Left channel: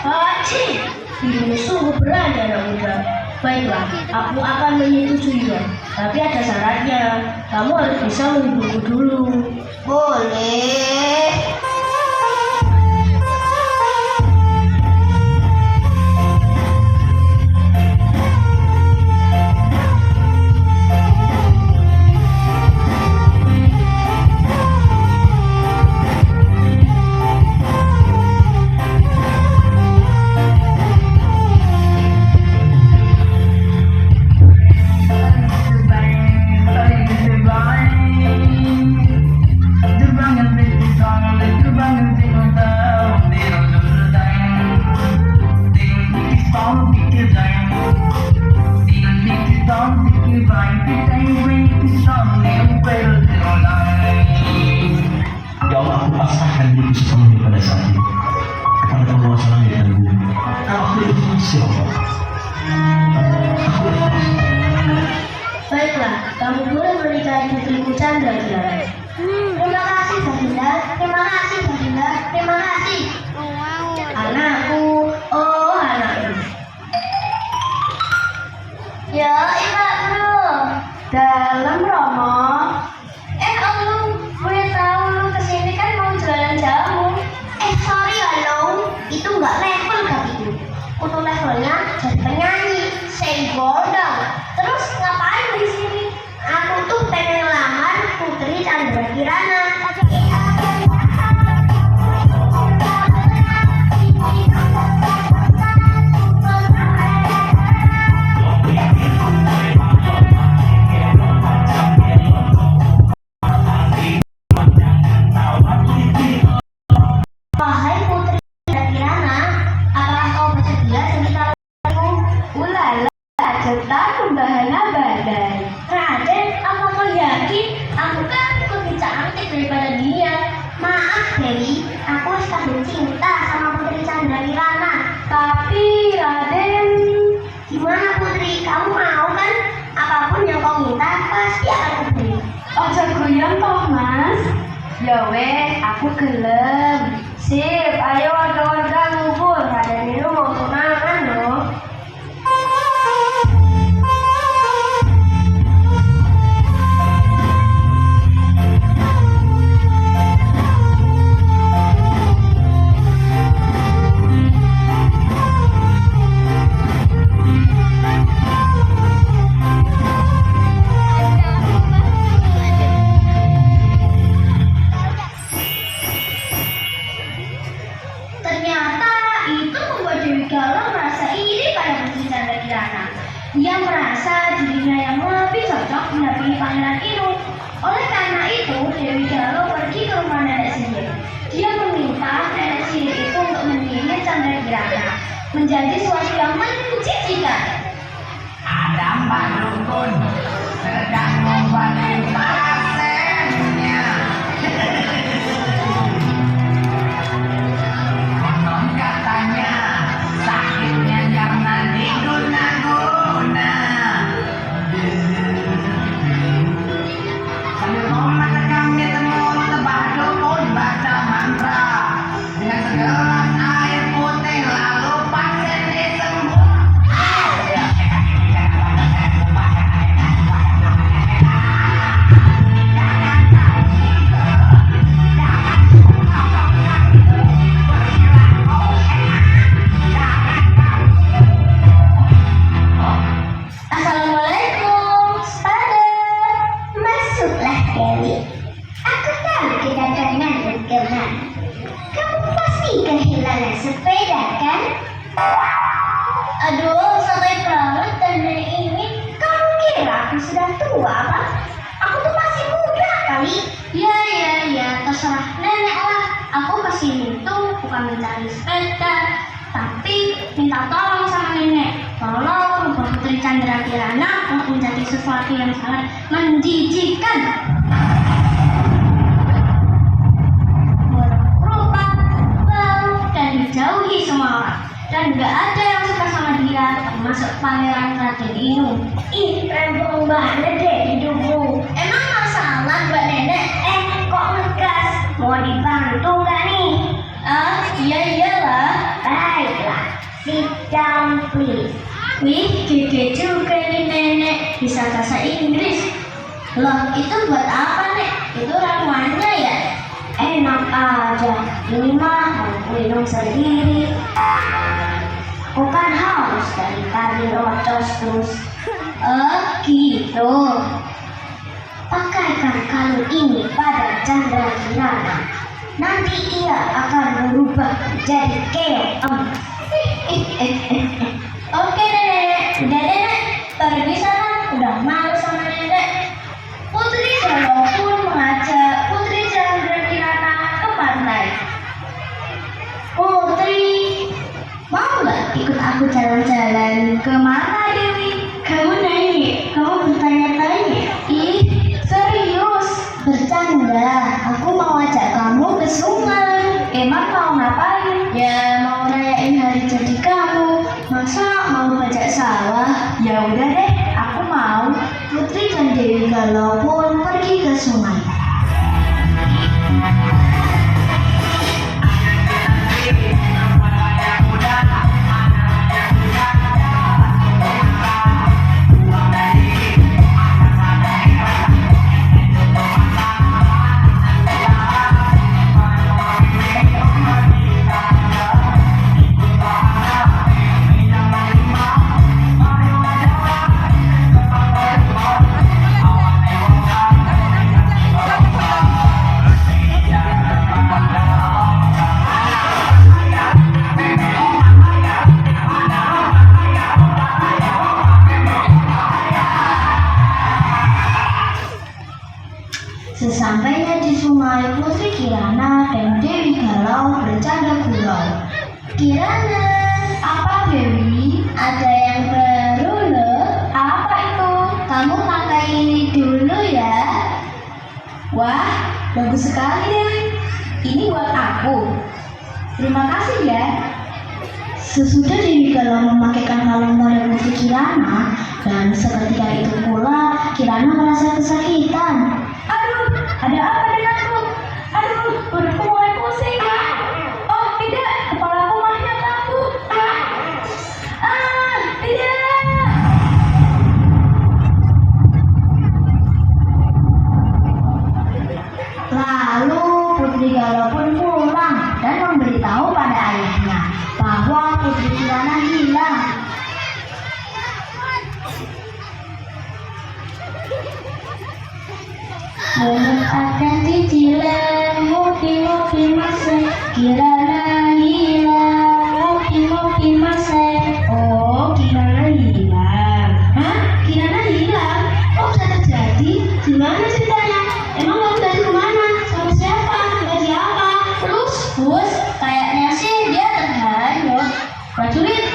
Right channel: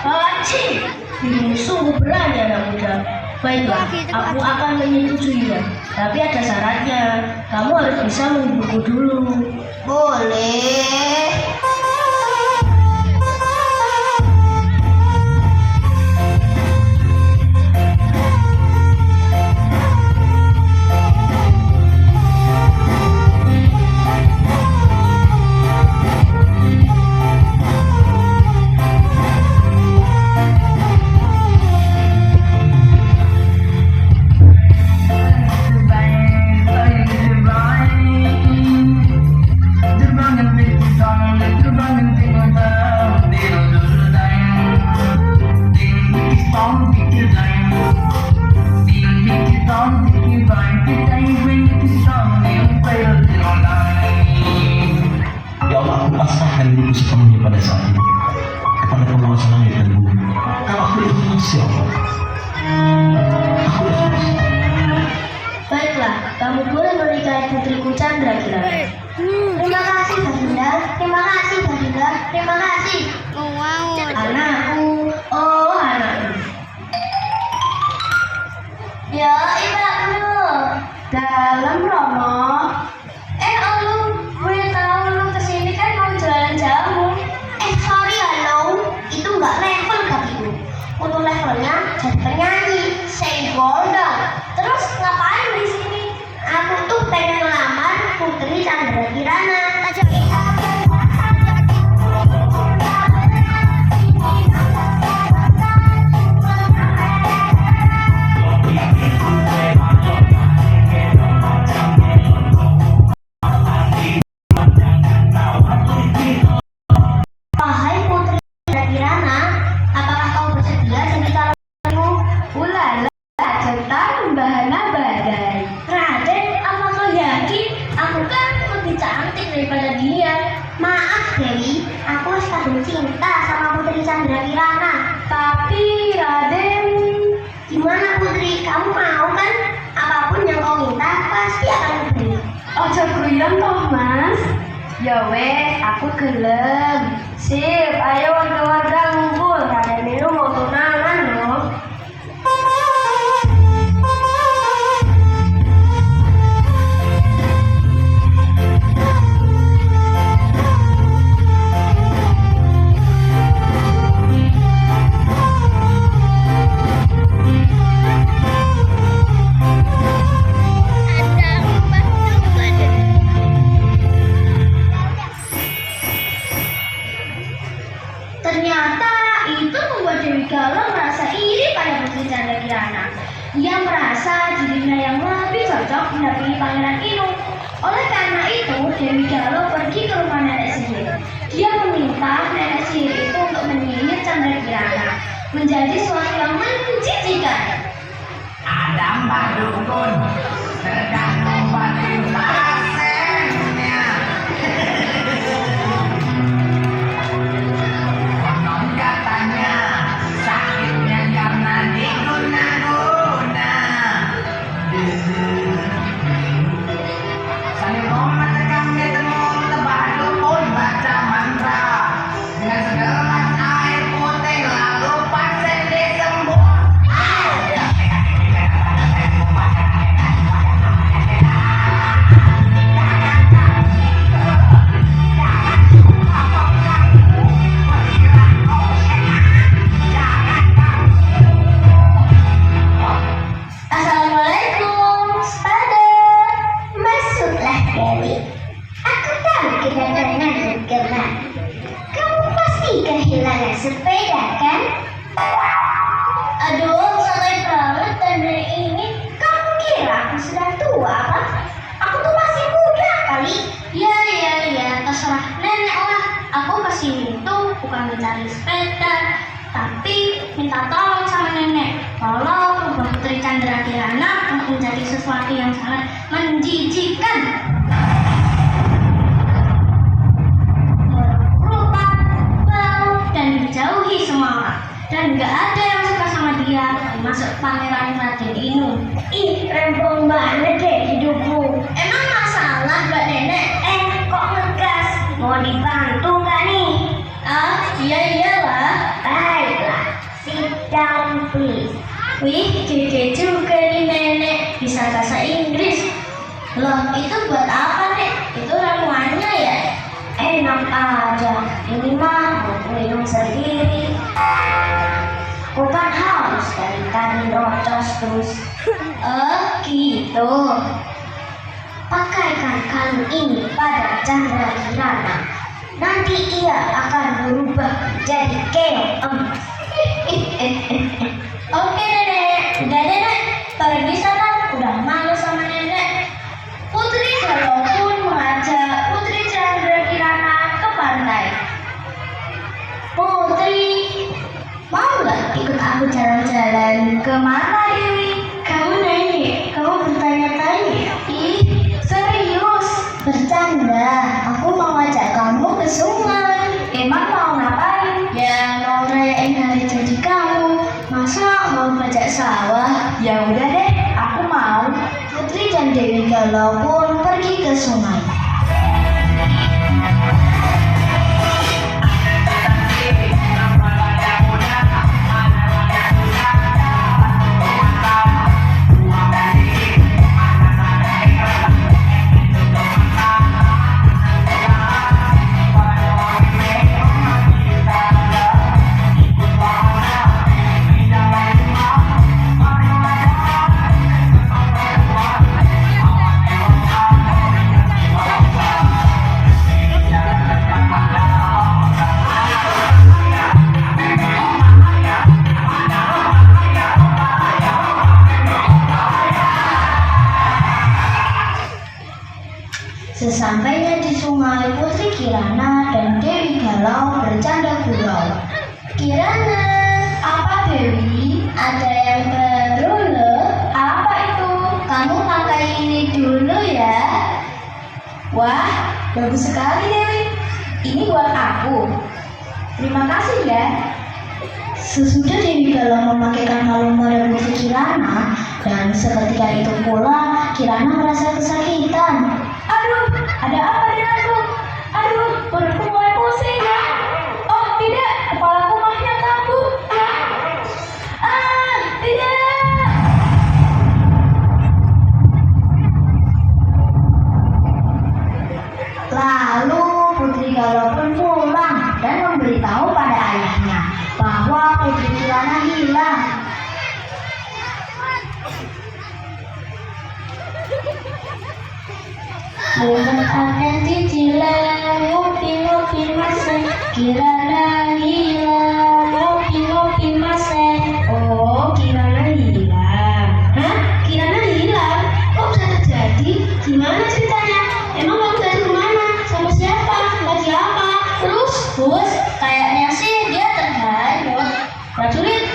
Haji, ini sungguh berani anak muda. Baiklah, aku akan menyetujuinya. Tapi ada syaratnya. Kamu harus bisa menghiburku dulu. Boleh. Ya Allah, aku pasrahkan diriku sepenuhnya pada saat ini kepada penguasa langit dan bumi. Aku ikhlas ya Allah. Aku ikhlas. Baiklah, kamu boleh menikahi putriku Chandra Kirana. Terima kasih Baginda. Terima kasih Baginda. Terima kasih. Anakku, oh anakku. Ya, Ibu Bro. Dalam Romo. Olu, gue tahu lu kesini kan mau jualan jamu. Sorry ya, Long. Itu nggak level bagiku. Untuk levelnya jadi penyanyi, say gondang. Terus ngapain di sini? Aku tuh pengen lamar Putri Chandra Kirana. Wahai Putri Chandra Kirana, apakah kau bersedia sebentar? Ulala, cinta membahana badai. Raden, apa kau yakin? Aku kan lebih cantik daripada dia. Maaf Dewi, aku sedang cinta sama Putri Chandra Kirana. Tapi Raden, Gimana Putri, kamu mau kan? Apapun yang kau minta, pasti akan kuberi. ojo goyang kok mas. Ya wes, aku gelem. Sip, ayo warga-warga ngumpul. Raden minum mau tunangan loh. Ternyata itu membuat Dewi Galuh merasa iri pada Putri Chandra Kirana. Ia merasa dirinya yang lebih cocok mendampingi Pangeran Inu. Oleh karena itu, Dewi Galuh pergi ke rumah nenek sihir. Dia meminta nenek sihir itu untuk menyihir Chandra Kirana menjadi sesuatu yang menjijikan. Assalamualaikum, Spada. Masuklah Dewi. Aku tahu kita kemana dan kemana. Kamu pasti kehilangan sepeda kan? Aduh, sampai perawat dan dari ini kamu kira aku sudah tua apa? Aku tuh masih muda kali. Ya, terserah nenek lah. Aku kesini tuh bukan mencari sepeda, tapi minta tolong sama nenek. Tolong ubah Putri Chandra Kirana untuk menjadi sesuatu yang sangat menjijikan. Rupa, bau, dan menjauhi semua orang. Dan gak ada yang suka sama dia, termasuk Pangeran Raden Inu. Ih, rempong banget deh hidupku. Emang masalah Mbak Nenek? Kok ngegas? Mau dibantu gak nih? Ah, iyalah. Baiklah. bisa bahasa Inggris. Loh, itu buat apa, Nek? Itu ramuannya ya? Enak aja. Ini mah aku minum sendiri. Bukan haus dari tadi rocos terus. Gitu. Pakaikan kalung ini pada Chandra Kirana. Nanti ia akan berubah menjadi keong emas. Oke, Nenek. Udah, Nenek. Pergi sana. Udah malu sama Nenek. Putri Solo pun mengajak Putri Chandra Kirana ke pantai. Putri, mau nggak ikut aku jalan-jalan? Kemana, Dewi? Kamu nanya? Kamu bertanya-tanya? Ih, serius? Bercanda. Aku mau ajak kamu ke sungai. Emang mau ngapain? Ya, mau rayain hari jadi kamu. Masa mau bajak sawah? Ya udah deh, aku mau. Putri dan Dewi Galau pun pergi ke sungai. Sesampainya di sungai, Putri Kirana dan Dewi Galau bercanda gurau. Kirana, apa Dewi? Ada yang baru loh. Apa itu? Kamu pakai ini dulu ya. Wah, bagus sekali Dewi. Ini buat aku. Terima kasih ya. Sesudah Dewi Galau memakaikan kalung pada Putri Kirana, dan seketika itu pula Kirana merasa kesakitan. Ada apa denganku? Aduh, perutku mulai pusing. Oh tidak, kepalaku makin kambuh. Tidak. Lalu Putri Galau pun pulang dan memberitahu pada ayahnya bahwa Putri Kirana hilang. Mohon ada cicilan, ngopi-ngopi masih Kirana hilang, ngopi-ngopi masih. Oh, Kirana hilang. Hah? Kirana hilang? Kok bisa terjadi? Gimana ceritanya? Emang kamu dari mana? Sama siapa? Sama siapa? Terus, bos, kayaknya sih dia terhanyut. Prajurit.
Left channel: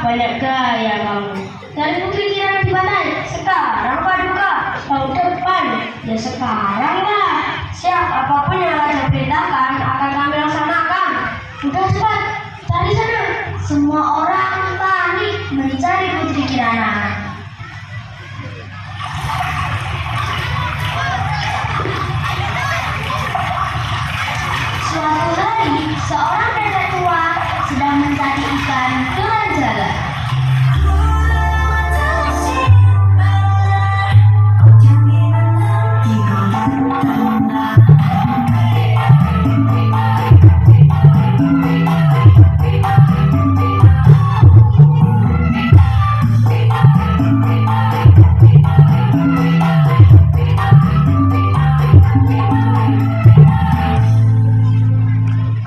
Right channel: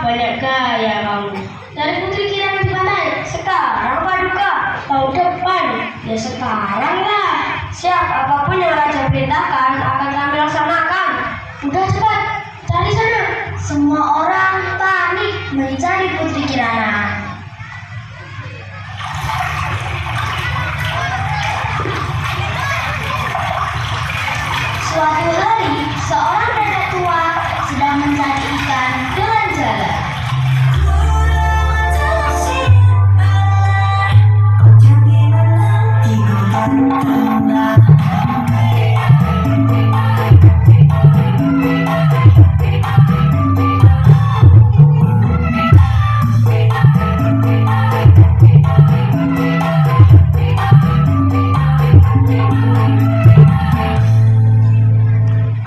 Banyak gaya kamu. Dari Putri Kirana di mana? Sekarang Paduka. Tahun depan. Ya sekarang lah. Siap, apapun yang Raja perintahkan akan kami laksanakan. Udah cepat, cari sana. Semua orang panik mencari Putri Kirana. Suatu hari, seorang nenek tua sedang mencari ikan dengan jalan.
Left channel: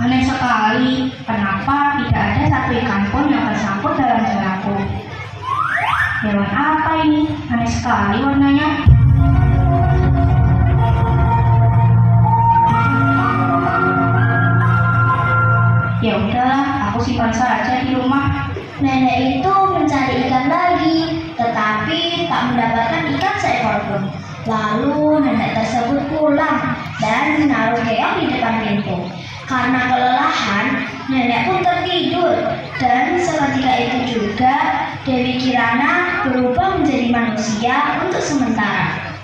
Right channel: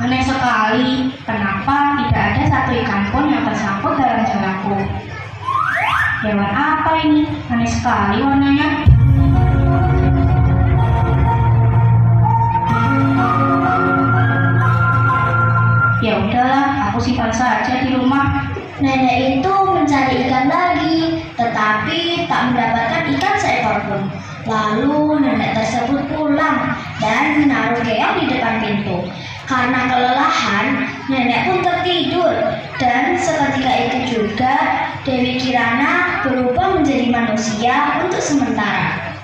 Aneh sekali, kenapa tidak ada satu ikan pun yang tersangkut dalam jalaku? Hewan apa ini? Aneh sekali warnanya. Ya udahlah, aku simpan saja di rumah. Nenek itu mencari ikan lagi, tetapi tak mendapatkan ikan seekor pun. Lalu nenek tersebut pulang dan menaruh keong di depan pintu. Karena kelelahan, nenek pun tertidur. Dan seketika itu juga Dewi Kirana berubah menjadi manusia untuk sementara.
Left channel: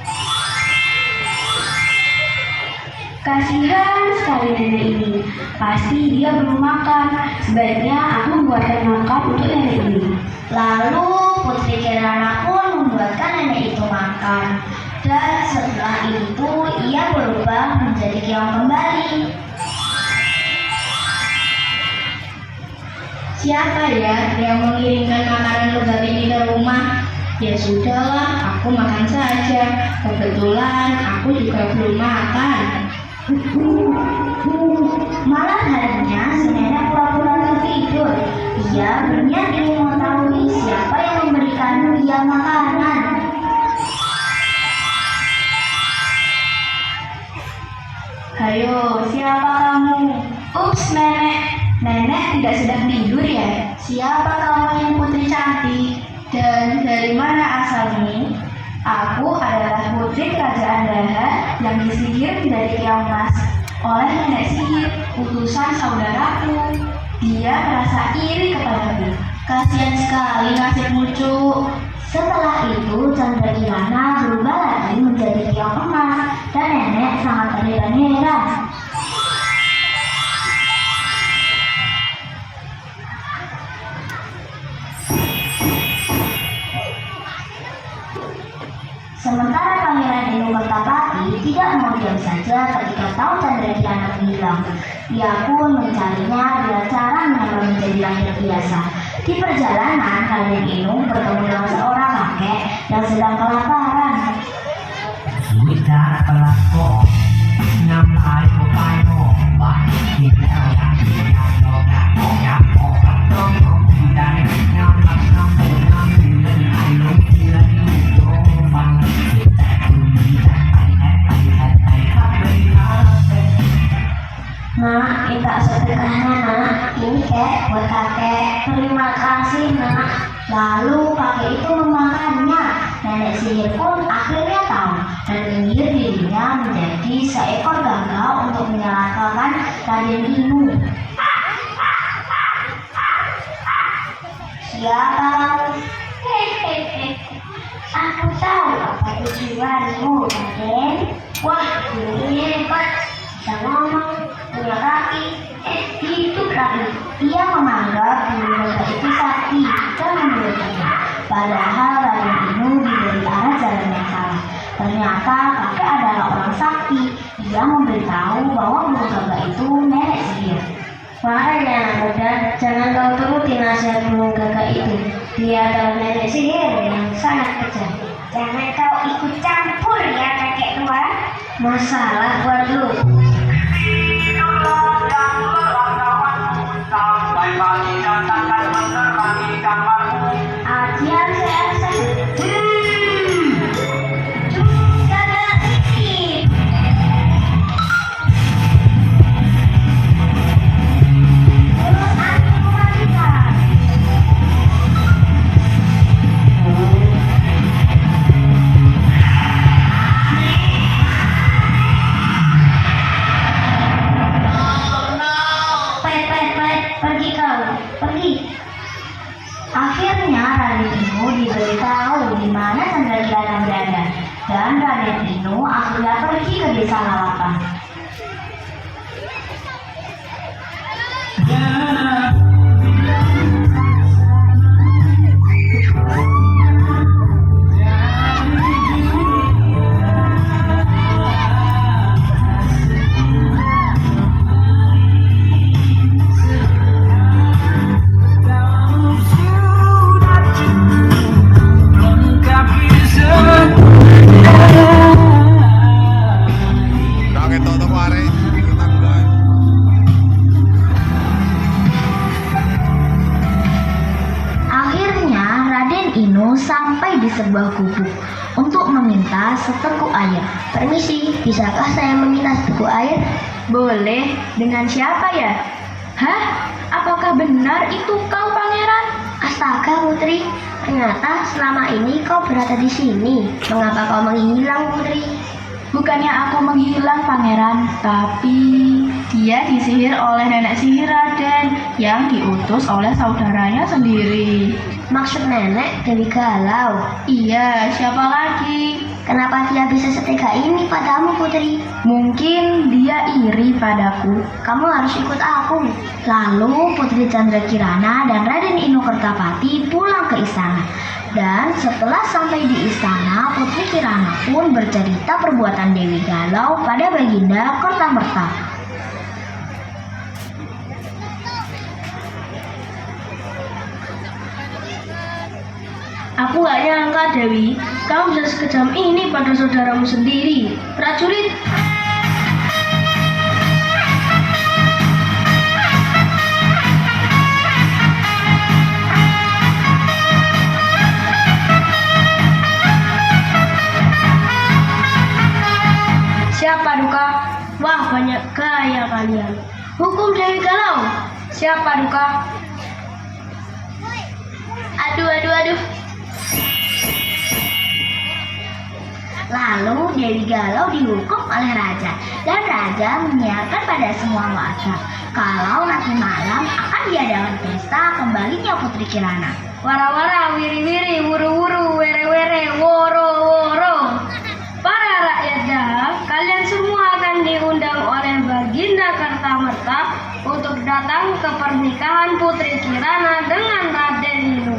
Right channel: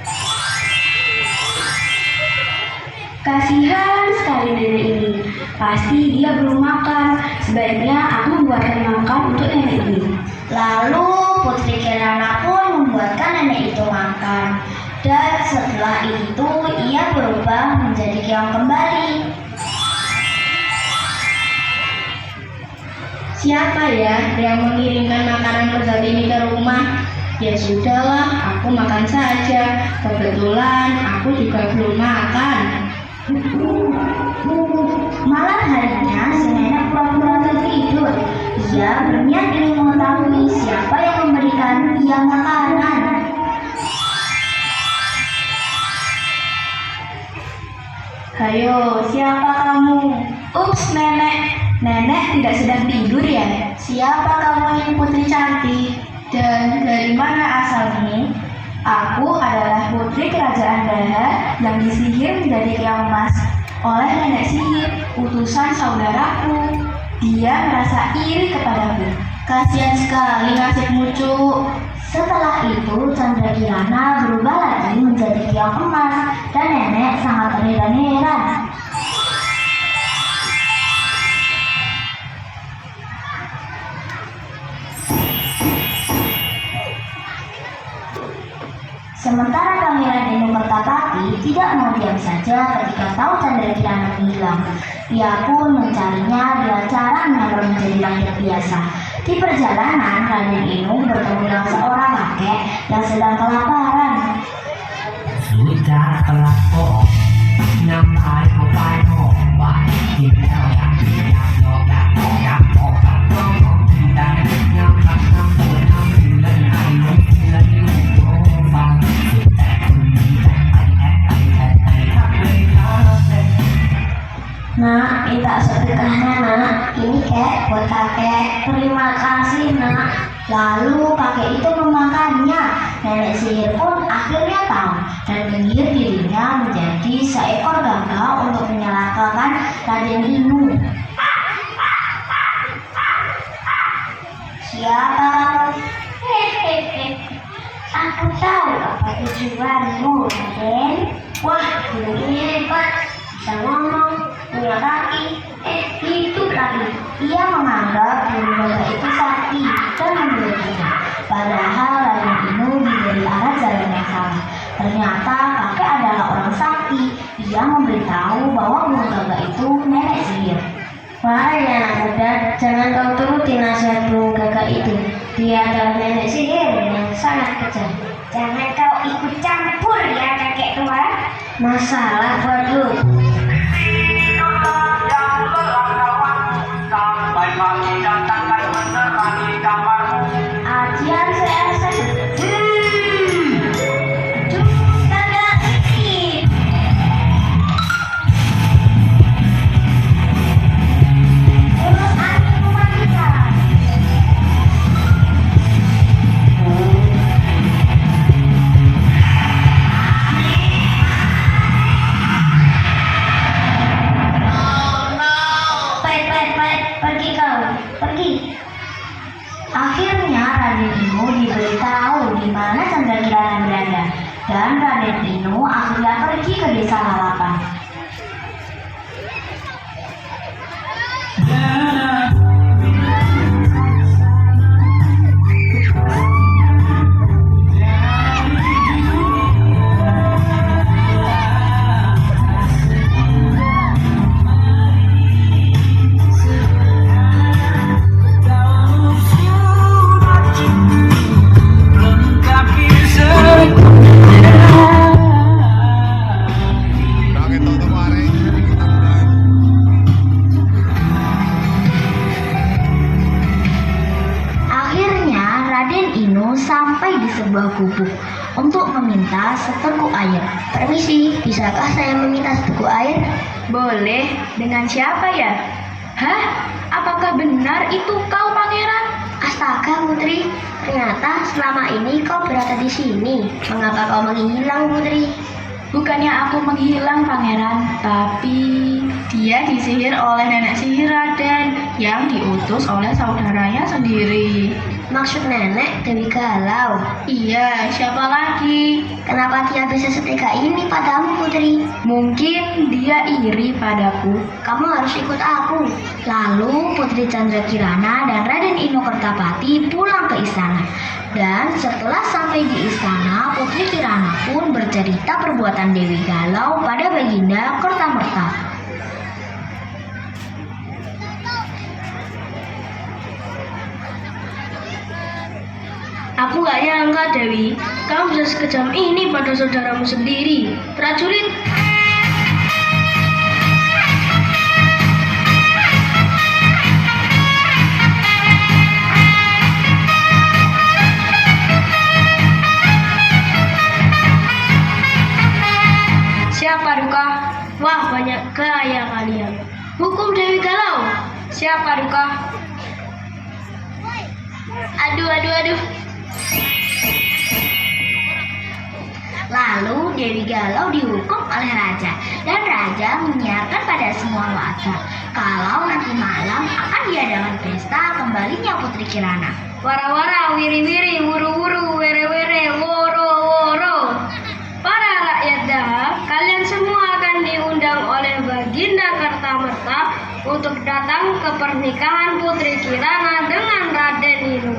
Kasihan sekali nenek ini. Pasti dia belum makan. Sebaiknya aku membuatkan makan untuk nenek ini. Lalu Putri Kirana pun membuatkan nenek itu makan. Dan setelah itu ia berubah menjadi keong kembali. Siapa ya yang mengirimkan makanan lezat ini ke rumah? Ya sudahlah, aku makan saja. Kebetulan aku juga belum makan. Malam harinya si nenek pura-pura tertidur. Ia berniat ingin mengetahui siapa yang memberikan dia makanan. Hayo, siapa kamu? Ups, nenek. Nenek tidak sedang tidur ya? Siapa kamu yang putri cantik? Dan dari mana asalmu? Aku adalah putri kerajaan Daha yang disihir menjadi keong emas oleh nenek sihir, utusan saudaraku. Dia merasa iri kepadaku. Kasihan sekali nasibmu, Cuk. Setelah itu Chandra Kirana berubah lagi menjadi keong emas dan nenek sangat terheran-heran. Sementara Pangeran Inu Kertapati tidak mau diam saja ketika tahu Chandra Kirana hilang. Ia pun mencarinya dengan cara menyamar menjadi rakyat biasa. Di perjalanan, Raden Inu bertemu dengan seorang kakek yang sedang kelaparan. Sudah pelakon nyampai ke payung bah kita tidak tidak dong tidak nyampai nyampai tidak ayo tidak dong Nak, minta sedekahnya nak. Ini kek buat kakek. Terima kasih nak. Lalu kakek itu memakannya. Nenek sihir pun akhirnya tahu dan menyihir dirinya menjadi seekor gagak untuk menyelamatkan Raden Inu. Siapa kamu? Hehehe. Aku tahu apa tujuanmu, Raden. Wah, ini hebat. Bisa ngomong, punya kaki. Itu Raden. Ia menganggap dirinya itu sakti dan memilikinya. Padahal Raden Inu diberi arah jalan yang salah. Ternyata kakek adalah orang sakti. Ia memberitahu bahwa burung gagak itu nenek sihir. Makanya anak muda, jangan kau turuti nasihat burung gagak itu. Dia adalah nenek sihir yang sangat kejam. Jangan kau ikut campur ya kakek tua. Masalah buat lu. Ajian seasa. Gagak sihir. Terus aku kembalikan. Pergi kau, pergi. Akhirnya Raden Inu diberitahu di mana Chandra Kirana berada, dan Raden Inu akhirnya pergi ke desa Lalapan. Bakit todo pare? Akhirnya Raden Inu sampai di sebuah gubuk untuk meminta seteguk air. Permisi, bisakah saya meminta seteguk air? Boleh, dengan siapa ya? Hah? Apakah benar itu kau pangeran? Ternyata selama ini kau berada di sini. Mengapa kau menghilang, Putri? Bukannya aku menghilang, Pangeran, tapi dia disihir oleh nenek sihir Raden yang diutus oleh saudaranya sendiri. Maksud nenek Dewi Galau. Iya, siapa lagi? Kenapa dia bisa setega ini padamu, Putri? Mungkin dia iri padaku. Kamu harus ikut aku. Lalu Putri Chandra Kirana dan Raden Inokertapati pulang ke istana. Dan setelah sampai di istana, Putri Kirana pun bercerita perbuatan Dewi Galau pada Baginda Kertamerta. Aku gak nyangka, Dewi, kamu bisa sekejam ini pada saudaramu sendiri. Prajurit, Siapa Duka? wah banyak gaya kalian. Hukum Dewi Galau. Siapa Duka? Aduh. Lalu Dewi Galau dihukum oleh raja, dan raja menyiarkan pada semua warga kalau nanti malam akan diadakan pesta kembalinya Putri Kirana. Wara-wara, wiri-wiri, wuru-wuru, were-were, woro-woro. Para rakyat dahab, kalian semua akan diundang oleh Baginda Kertamerta untuk datang ke pernikahan Putri Kirana dengan Raden Inu.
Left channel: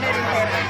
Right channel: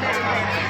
Dari daerah